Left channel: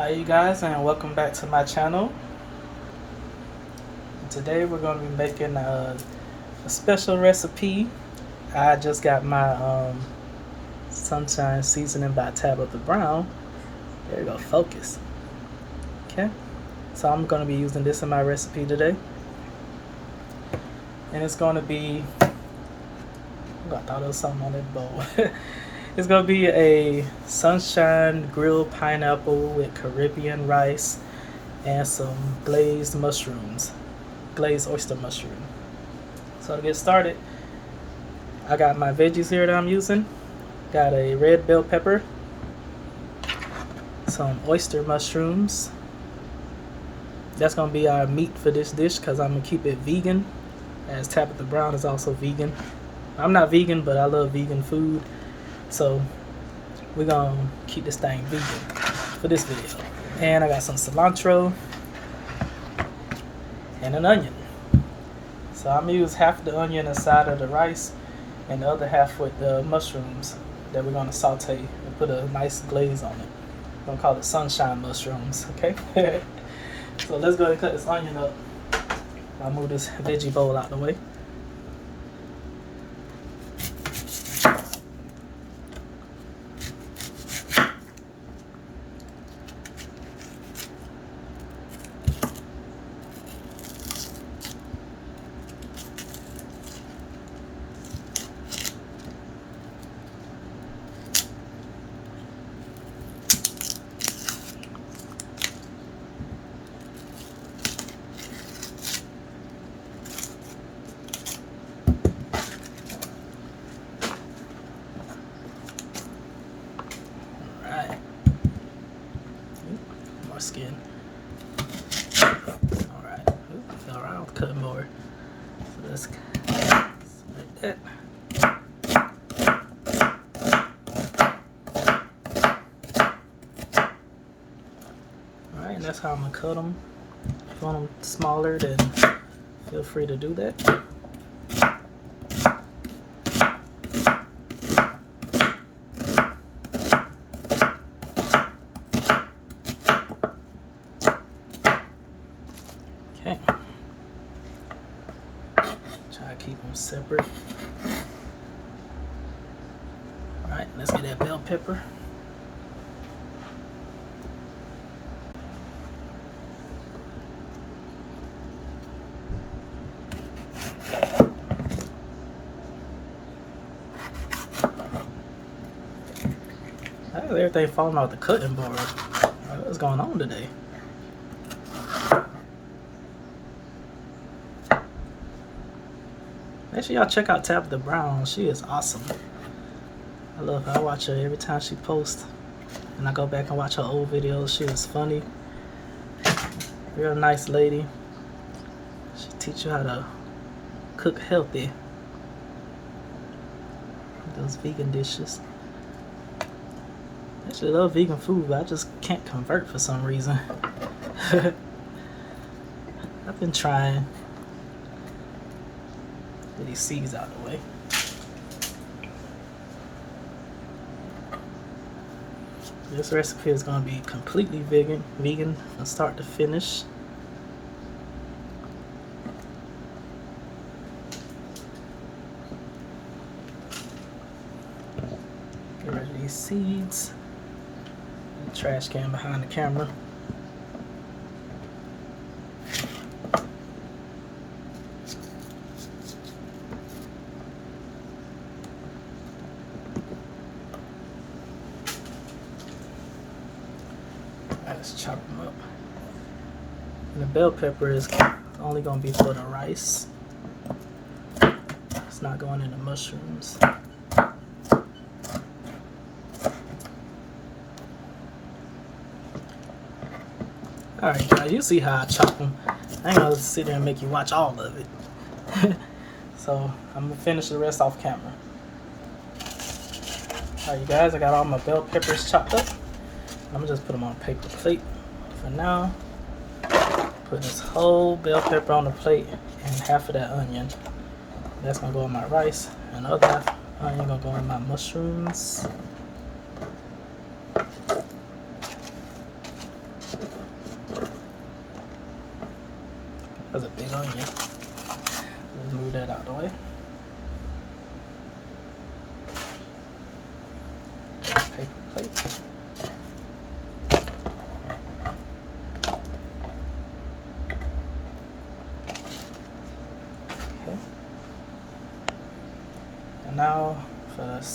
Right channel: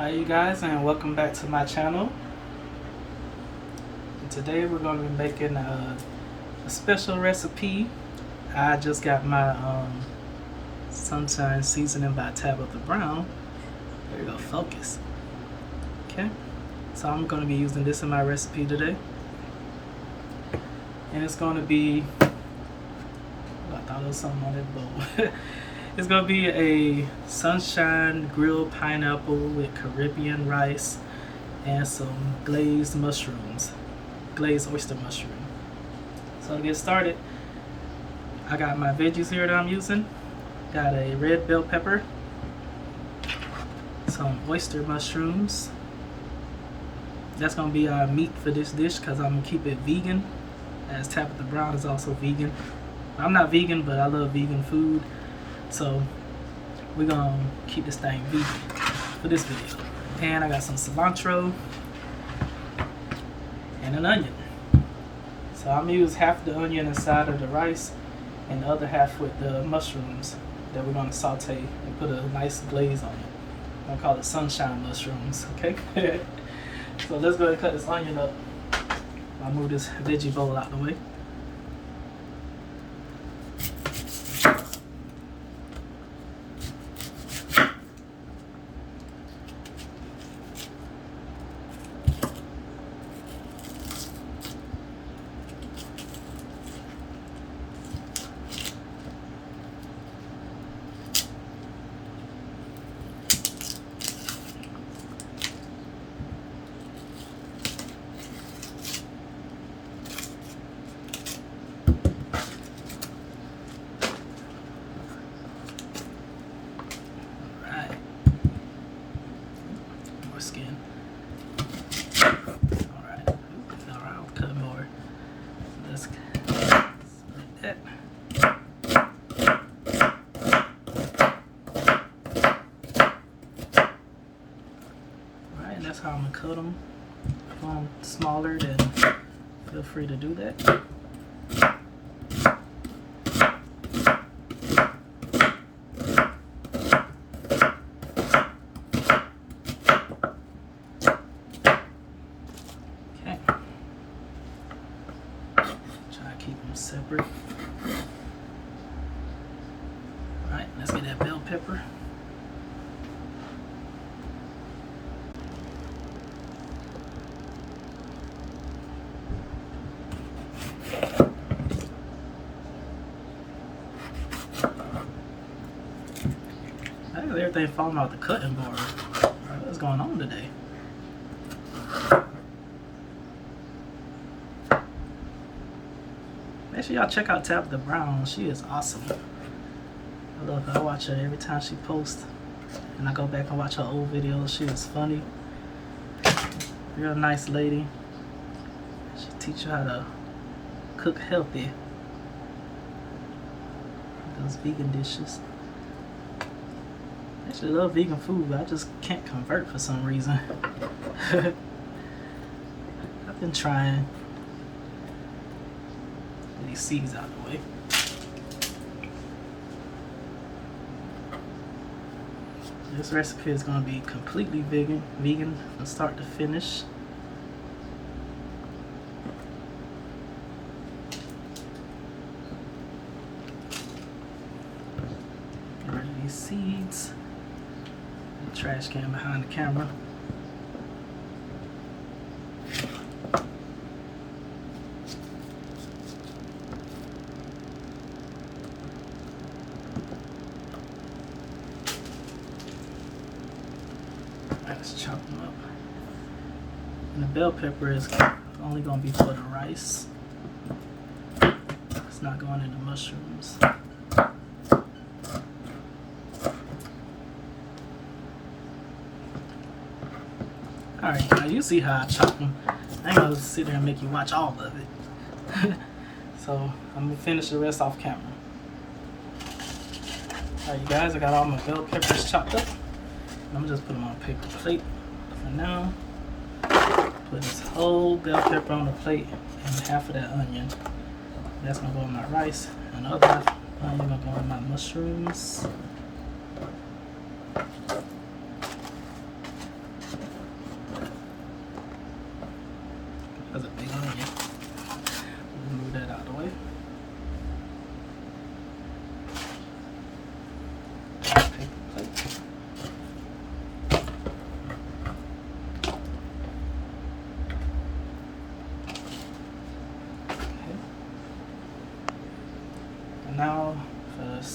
Hi you guys, and welcome back to my channel. And today we're going to be making a special recipe. I just got my sunshine seasoning by Tabitha Brown. There you go, focus. Okay, so I'm going to be using this in my recipe today, and it's going to be, I thought there was something on that bowl. It's going to be a sunshine grilled pineapple with Caribbean rice and some glazed mushrooms, glazed oyster mushroom. So to get started, I got my veggies here that I'm using. Got a red bell pepper, some oyster mushrooms. That's going to be our meat for this dish because I'm going to keep it vegan, as Tabitha Brown is also vegan. I'm not vegan, but I love vegan food. So we're gonna keep this thing vegan for this video. And I got some cilantro and an onion. So I'm gonna use half the onion inside of the rice and the other half with the mushrooms that we're gonna saute and put a nice glaze on it. We're gonna call it sunshine mushrooms, okay? So let's go ahead and cut this onion up. I'll move this veggie bowl out the way. Skin. Alright, I'll cut more. So like that. Alright, that's how I'm gonna cut them. If you want them smaller, then feel free to do that. Keep them separate. Alright, let's get that bell pepper. Everything falling off the cutting board. What's going on today? Make sure y'all check out Tabitha Brown. She is awesome. I love her. I watch her every time she posts. And I go back and watch her old videos. She is funny. Real nice lady. She'll teach you how to cook healthy. Those vegan dishes. I actually love vegan food, but I just can't convert for some reason. I've been trying. Get these seeds out of the way. This recipe is going to be completely vegan from start to finish. Get rid of these seeds. The trash can behind the camera. Let's chop them up. And the bell pepper is only going to be for the rice. It's not going in the mushrooms. Alright, now you see how I chop them. I ain't gonna sit there and make you watch all of it. So I'm gonna finish the rest off camera. Alright, you guys, I got all my bell peppers chopped up. I'm gonna just put them on a paper plate for now. Put this whole bell pepper on the plate and half of that onion. That's gonna go in my rice, and the other half onion gonna go in my mushrooms.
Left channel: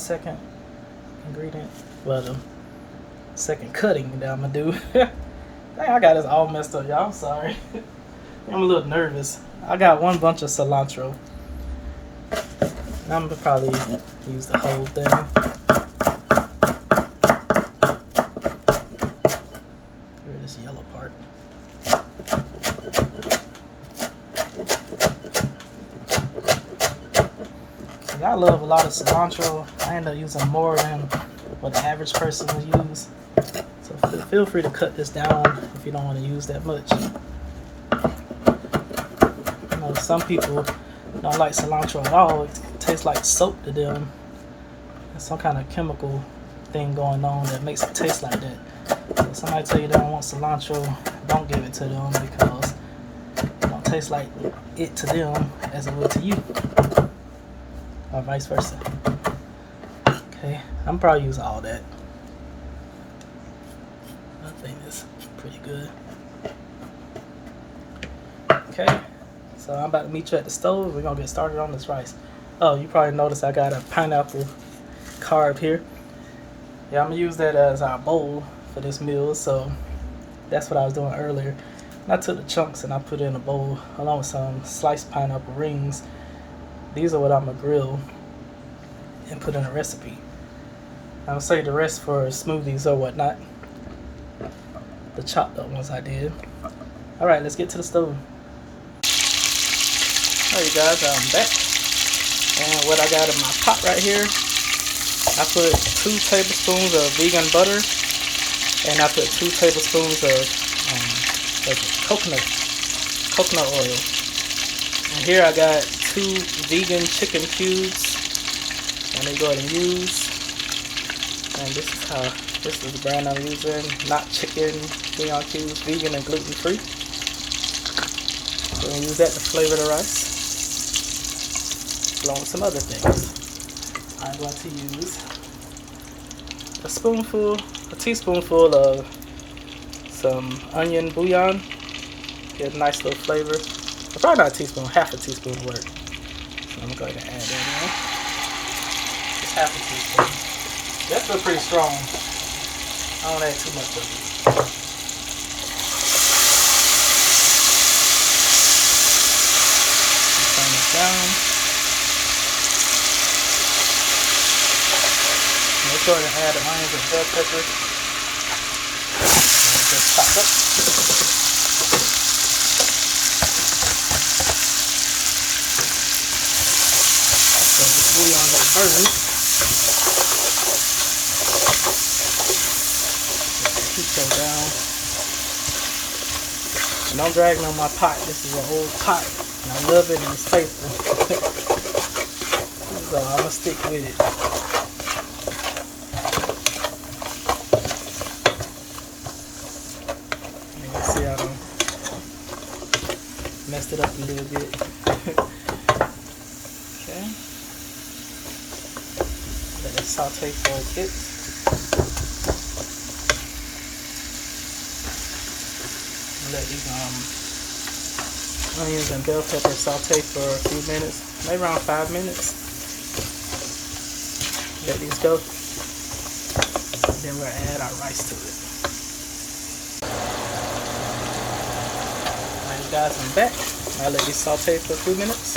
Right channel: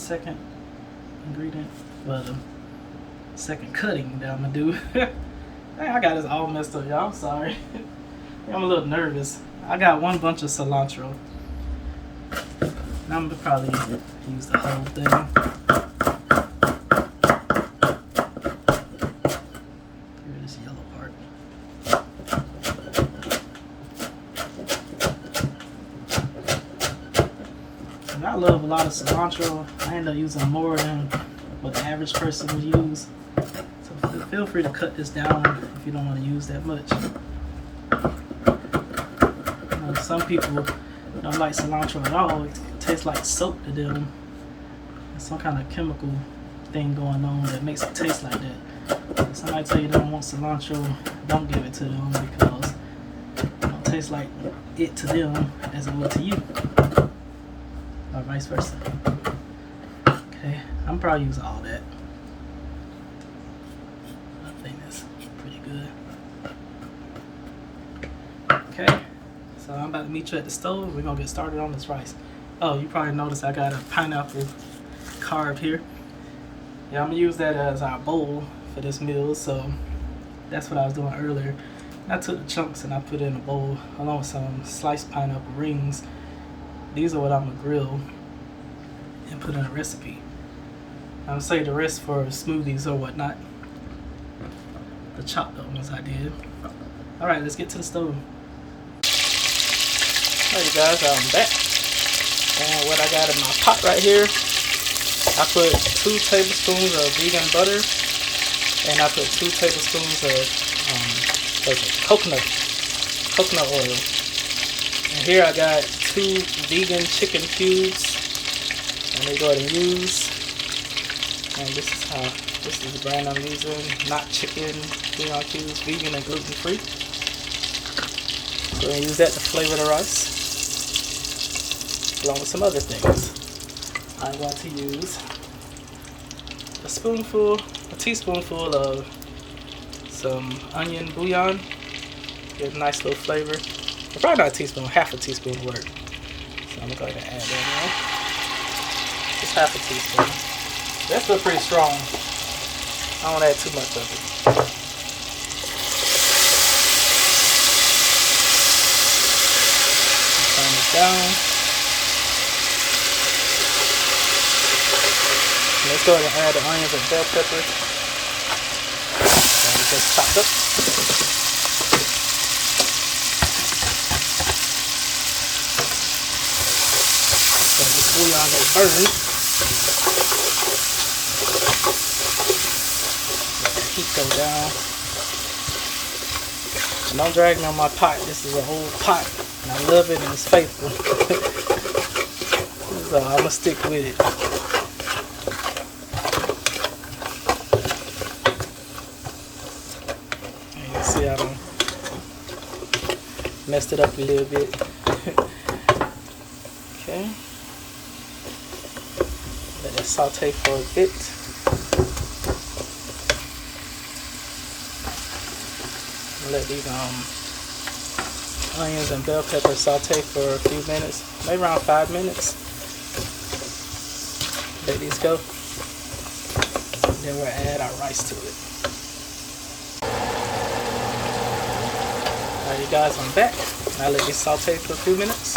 second ingredient. Well, the second cutting that I'm gonna do. Dang, I got this all messed up, y'all. I'm sorry. I'm a little nervous. I got one bunch of cilantro. I'm gonna probably use the whole thing. Get rid of this yellow part. And I love a lot of cilantro. I end up using more than what the average person would use. So feel free to cut this down if you don't want to use that much. You know, some people don't like cilantro at all. It tastes like soap to them. There's some kind of chemical thing going on that makes it taste like that. So if somebody tell you they don't want cilantro, don't give it to them because it don't taste like it to them as it would to you. Or vice versa. Okay, I'm probably using all that. I think it's pretty good. Okay, so I'm about to meet you at the stove. We're gonna get started on this rice. Oh, you probably noticed I got a pineapple carved here. Yeah, I'm gonna use that as our bowl for this meal. So that's what I was doing earlier. And I took the chunks and I put it in a bowl along with some sliced pineapple rings. These are what I'm gonna grill and put in a recipe. I'm gonna save the rest for smoothies or whatnot. The chopped up ones I did. All right, let's get to the stove. All right, you guys, I'm back. And what I got in my pot right here, I put 2 tablespoons of vegan butter, and I put 2 tablespoons of coconut oil. And here I got 2 vegan chicken cubes. I'm gonna go ahead and use. And this is the brand I'm using, not chicken bouillon cubes, vegan and gluten free. So we're gonna use that to flavor the rice, along with some other things. I'm going to use a teaspoonful of some onion bouillon. Get a nice little flavor. Or probably not a teaspoon, half a teaspoon will work. So I'm gonna go ahead and add that in. Just half a teaspoon. That's still pretty strong. I don't add too much of it. Turn it down. Make sure to add the onions and bell peppers. And just chop up. So this bouillon gets burned. Let the heat go down. And don't drag me on my pot. This is an old pot. And I love it and it's faithful. So I'm gonna stick with it. And you see I done messed it up a little bit. Okay. Let it saute for a bit. Let these onions and bell peppers saute for a few minutes, maybe around 5 minutes. Let these go. Then we'll add our rice to it. Alright, you guys, I'm back. I'll let these saute for a few minutes,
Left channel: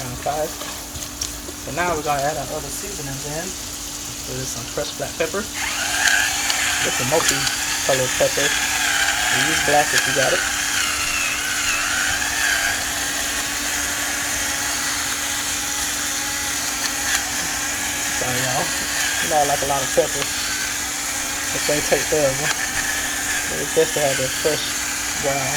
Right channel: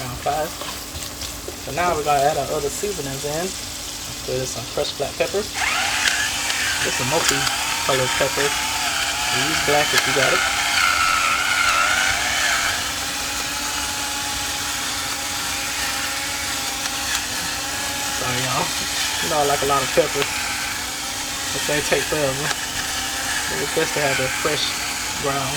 around 5. So now we're gonna add our other seasonings in. There's some crushed black pepper. It's a multi-colored pepper. You use black if you got it. Sorry, y'all. You know I like a lot of pepper. This thing takes forever. It's best to have a fresh brown.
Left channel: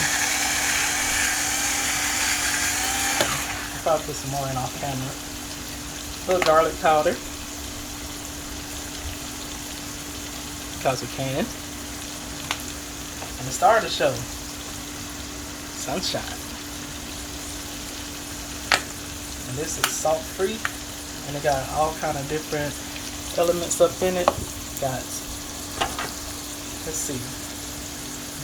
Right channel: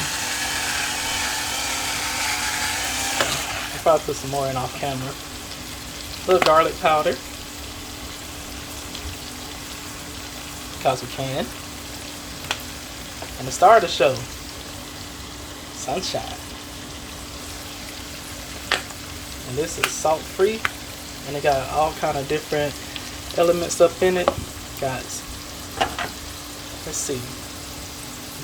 I'll probably put some more in off camera. A little garlic powder. Because we can. And the star of the show, sunshine. And this is salt free, and it got all kind of different elements up in it. Guys, let's see:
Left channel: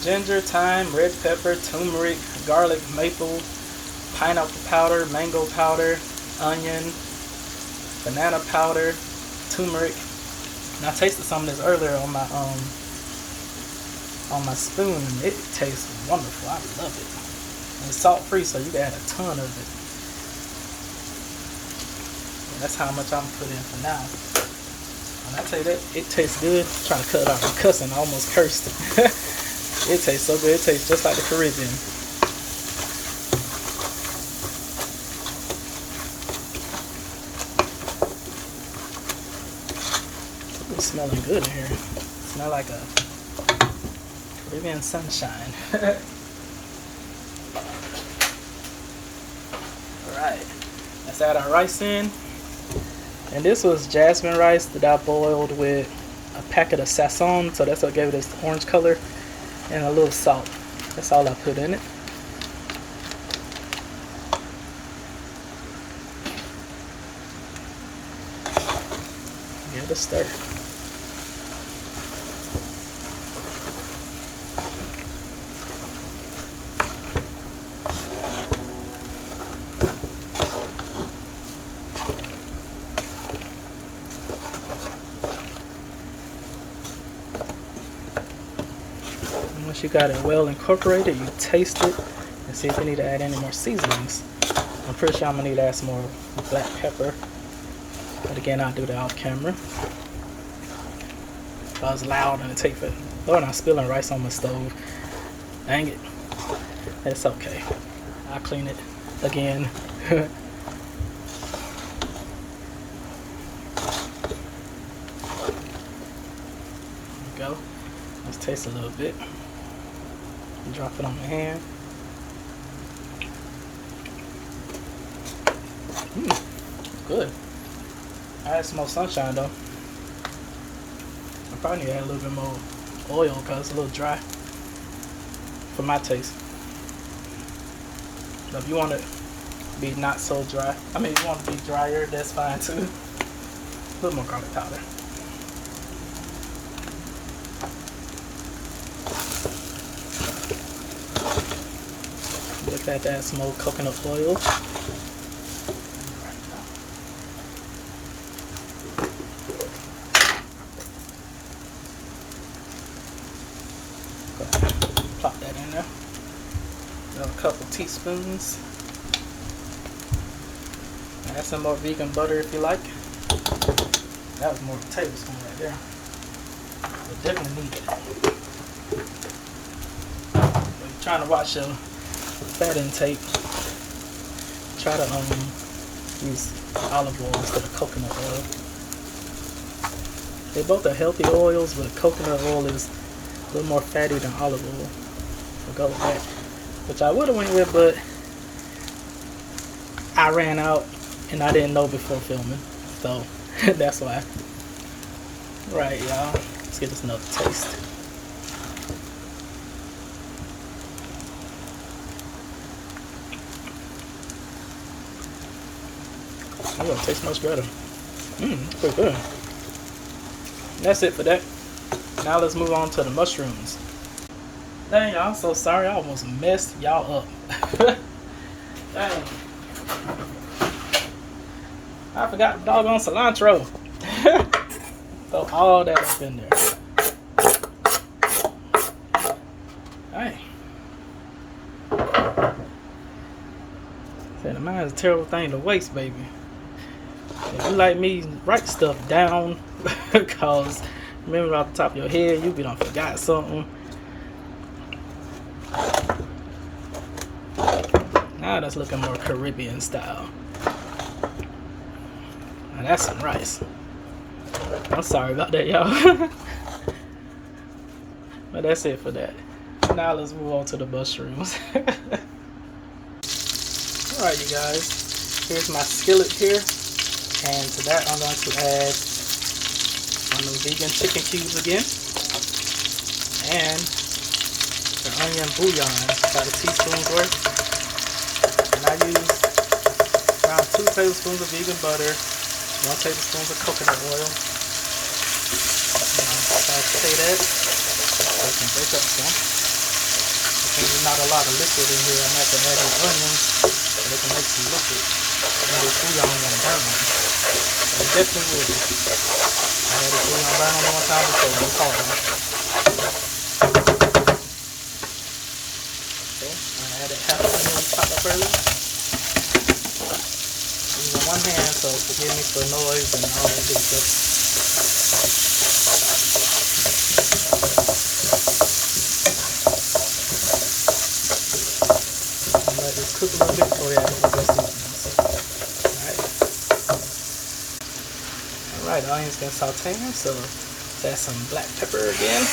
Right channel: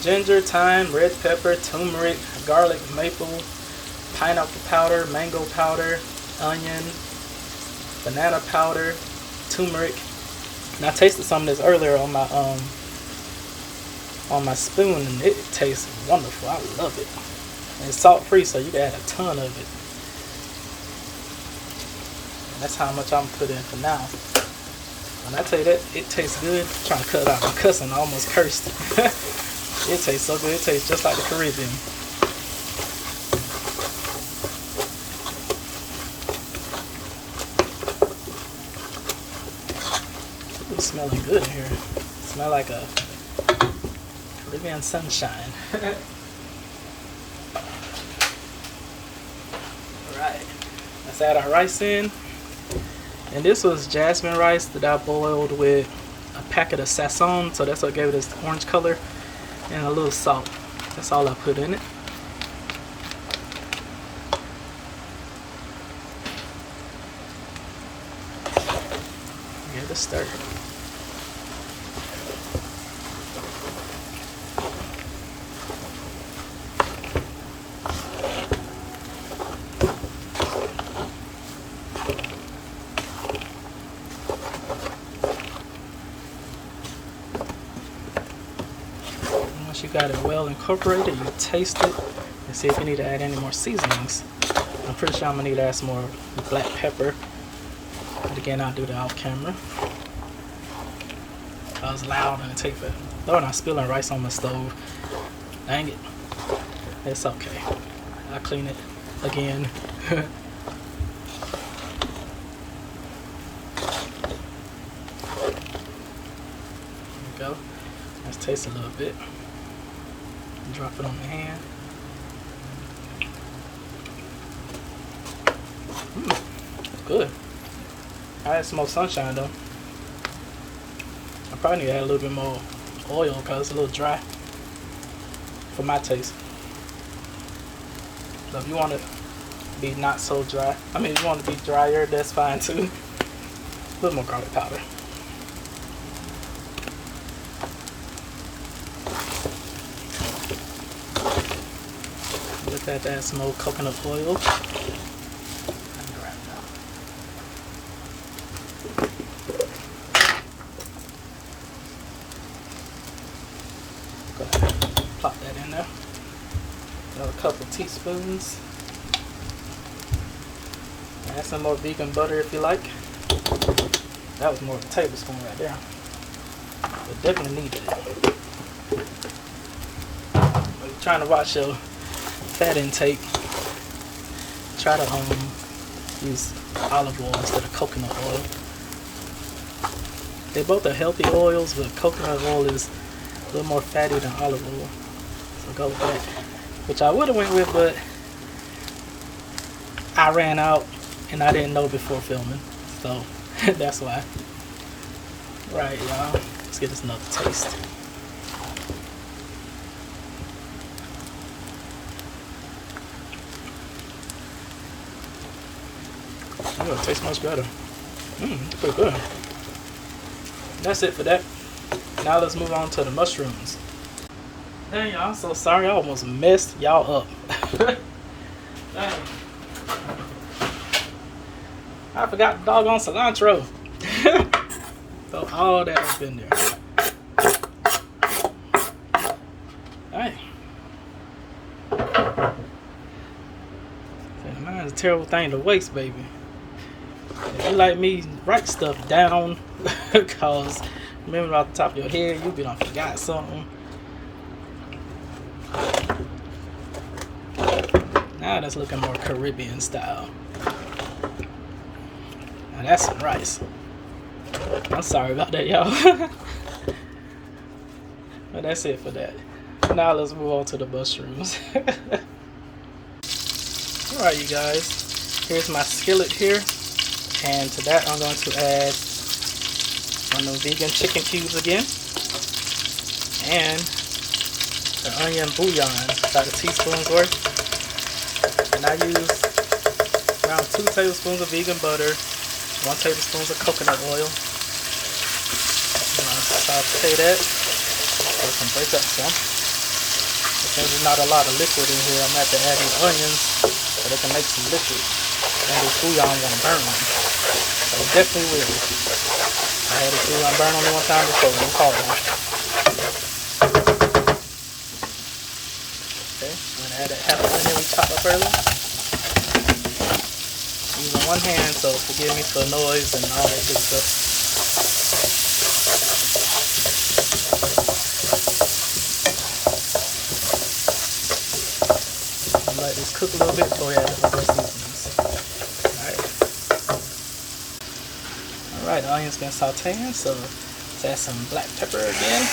ginger, thyme, red pepper, turmeric, garlic, maple, pineapple powder, mango powder, onion, banana powder, turmeric. And I tasted some of this earlier on my spoon, and it tastes wonderful. I love it. And it's salt free, so you can add a ton of it. And that's how much I'm putting in for now. And I tell you that, it tastes good. I'm trying to cut it off. I'm cussing, I almost cursed. It tastes so good. It tastes just like the Caribbean. It's smelling good in here. Smell like a Caribbean sunshine. Alright, let's add our rice in. And this was jasmine rice that I boiled with a packet of sazon, so that's what gave it this orange color, and a little salt. That's all I put in it. Give it a stir. Once you got it well incorporated, you taste it and see if you need to add any more seasonings. I'm pretty sure I'm gonna need to add some more black pepper, but again, I'll do that off camera. That was loud and it takes it. Lord, I'm spilling rice on my stove. Dang it. It's okay. I'll clean it again. There we go. Let's taste a little bit. Drop it on my hand. Good. I had some more sunshine though. I probably need to add a little bit more oil because it's a little dry for my taste. So if you want it to be not so dry, I mean if you want it to be drier, that's fine too. A little more garlic powder. Just have to add some more coconut oil. Go ahead, plop that in there. Another couple teaspoons. Add some more vegan butter if you like. That was more of a tablespoon right there. But definitely needed it. You're trying to watch your fat intake. Try to use olive oil instead of coconut oil. They both are healthy oils, but coconut oil is a little more fatty than olive oil. So go with that. Which I would have went with, but I ran out and I didn't know before filming. So that's why. Right, y'all. Let's get this another taste. Oh, it tastes much better. Pretty good. That's it for that. Now let's move on to the mushrooms. Dang, y'all, I'm so sorry. I almost messed y'all up. Dang. I forgot the doggone cilantro. Throw all that up in there. Dang. Mine's a terrible thing to waste, baby. If you like me, write stuff down. Because remember off the top of your head, you be done forgot something. Now that's looking more Caribbean style. Now that's some rice. I'm sorry about that, y'all. But that's it for that. Now let's move on to the mushrooms. Alright, you guys. Here's my skillet here. And to that, I'm going to add one of the vegan chicken cubes again. And the onion bouillon, about a teaspoon's worth. And I use around 2 tablespoons of vegan butter, 1 tablespoon of coconut oil. And I'll saute that so it can break up some. But since there's not a lot of liquid in here, I'm going to have to add these onions so they can make some liquid. And this bouillon won't burn them. So definitely will. I had it on burn only one time before when it's hard. Okay, I'm gonna add that half of onion we chopped up earlier. Using one hand, so forgive me for noise and all that good stuff. Let this cook a little bit before we add the other seasonings. Alright, the onion's been sauteing, so let's add some black pepper again.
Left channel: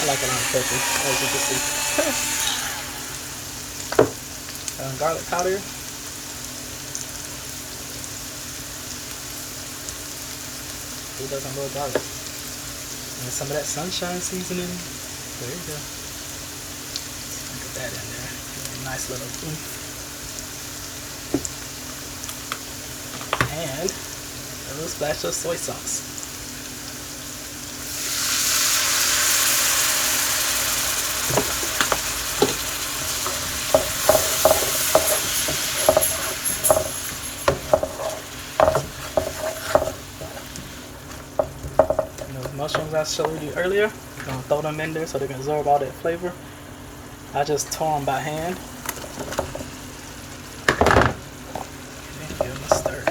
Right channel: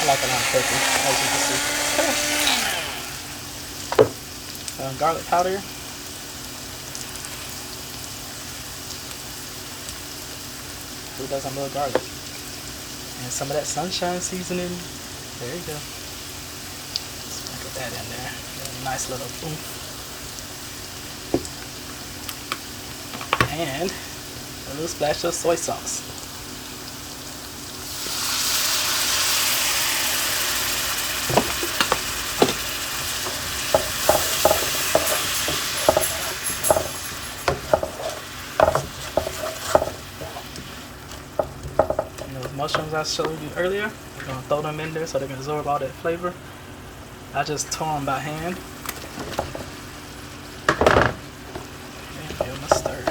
I like a lot of pepper, as you can see. Garlic powder. Who doesn't love garlic? And some of that sunshine seasoning. There you go. Sprinkle that in there. A nice little oomph. And a little splash of soy sauce. Mushrooms I showed you earlier, I'm gonna throw them in there so they can absorb all that flavor. I just tore them by hand. And give them a stir.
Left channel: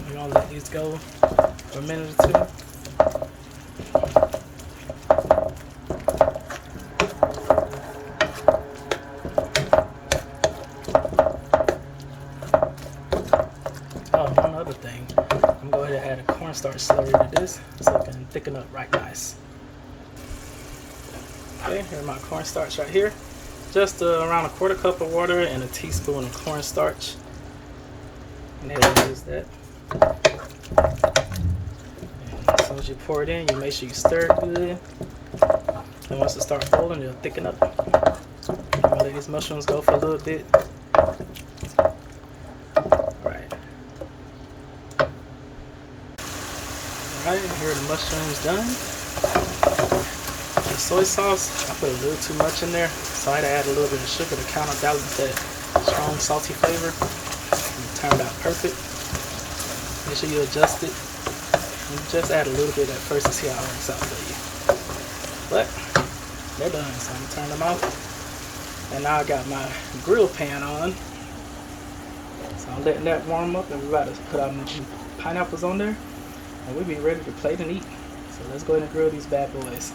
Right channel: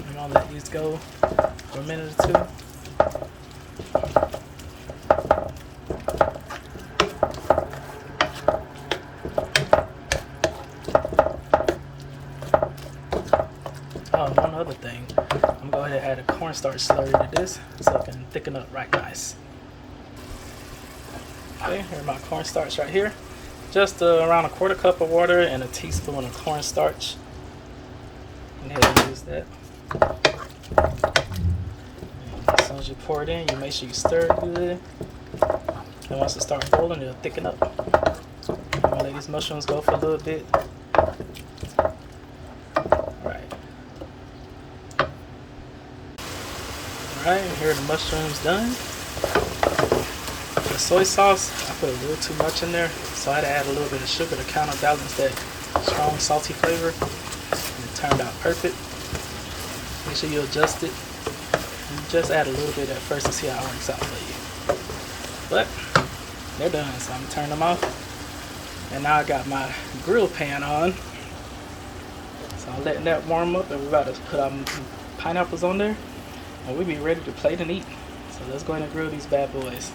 We're gonna let these go for a minute or two. Oh, one other thing, I'm going to go ahead and add a cornstarch slurry to this so it can thicken up right nice. Okay, here's my cornstarch right here. Just around a 1/4 cup of water and a teaspoon of cornstarch. And ahead and use that. And as soon as you pour it in, you make sure you stir it good. And once it starts boiling, it'll thicken up. I'm going to let these mushrooms go for a little bit. Alright, here are the mushrooms done. The soy sauce, I put a little too much in there, so I had to add a little bit of sugar to counterbalance that strong salty flavor. And it turned out perfect. Make sure you adjust it. And just add a little bit at first to see how it works out for you. But they're done, so I'm going to turn them off. And now I got my grill pan on. So I'm letting that warm up, and we're about to put our pineapples on there. And we'll be ready to plate and eat. So let's go ahead and grill these bad boys.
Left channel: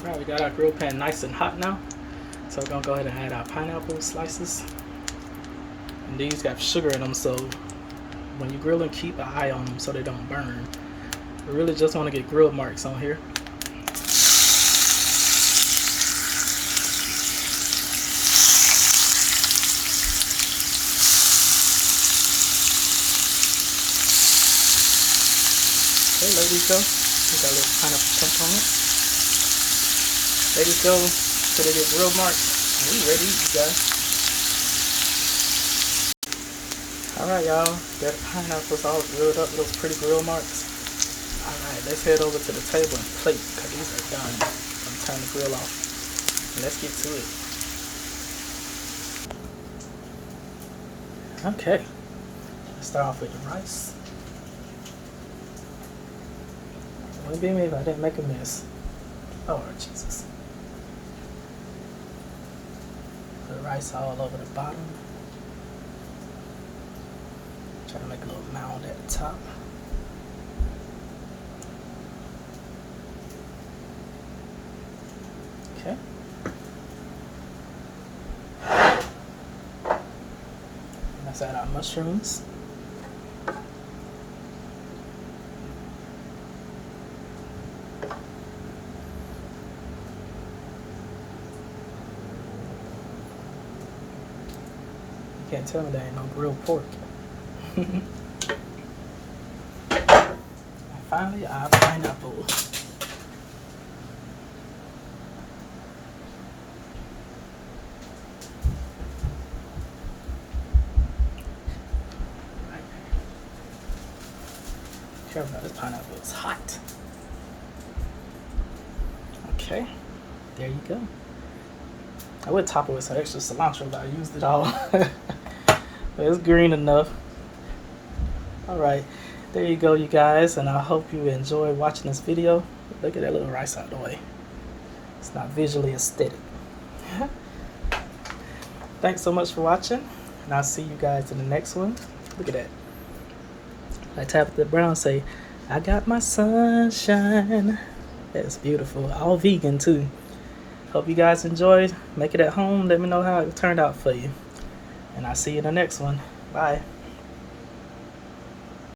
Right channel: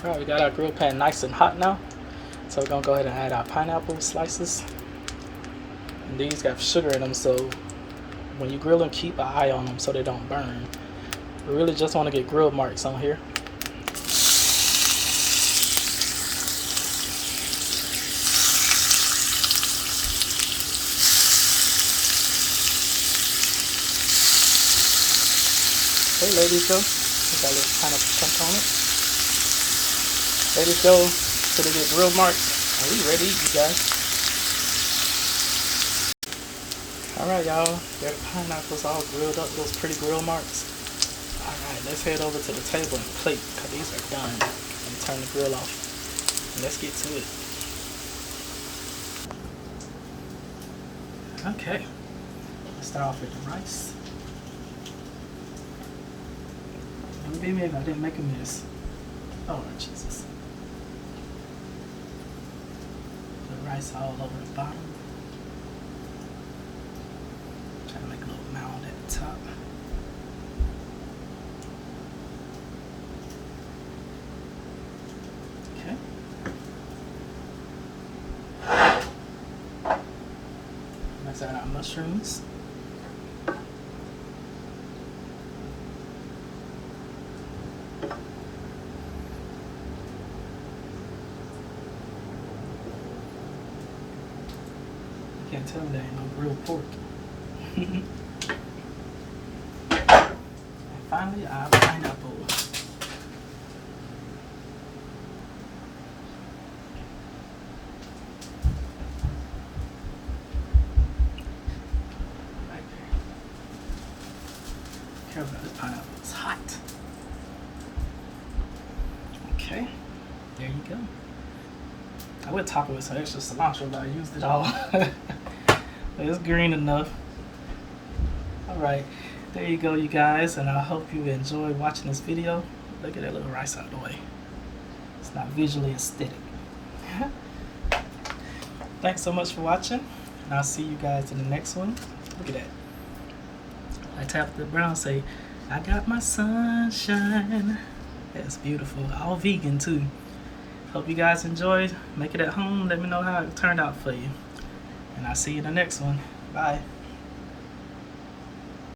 Alright, we got our grill pan nice and hot now. So we're going to go ahead and add our pineapple slices. And these got sugar in them, so when you grill them, keep an eye on them so they don't burn. We really just want to get grill marks on here. Okay, let these go. We got a little pineapple chunk on it. Let these go till they get grill marks. And we ready to eat, you guys. Alright, y'all. Got the pineapples all grilled up, those pretty grill marks. Alright, let's head over to the table and plate, because these are done. I'm going to turn the grill off. And let's get to it. Okay. Let's start off with the rice. Forgive me if I didn't make a mess. Oh, Lord Jesus. Put rice all over the bottom. Try to make a little mound at the top. Okay. Let's add our mushrooms. Can't tell me there ain't no grilled pork. And finally, our pineapple. care about this pineapple. It's hot. Okay, there you go. I would top it with some extra cilantro, but I used it all. But it's green enough. All right, there you go, you guys, and I hope you enjoy watching this video. Look at that little rice out of the way. It's not visually aesthetic. Thanks so much for watching, and I'll see you guys in the next one. Look at that. Like Tabitha Brown say, I got my sunshine. That's beautiful. All vegan too. Hope you guys enjoyed. Make it at home. Let me know how it turned out for you. And I'll see you in the next one. Bye.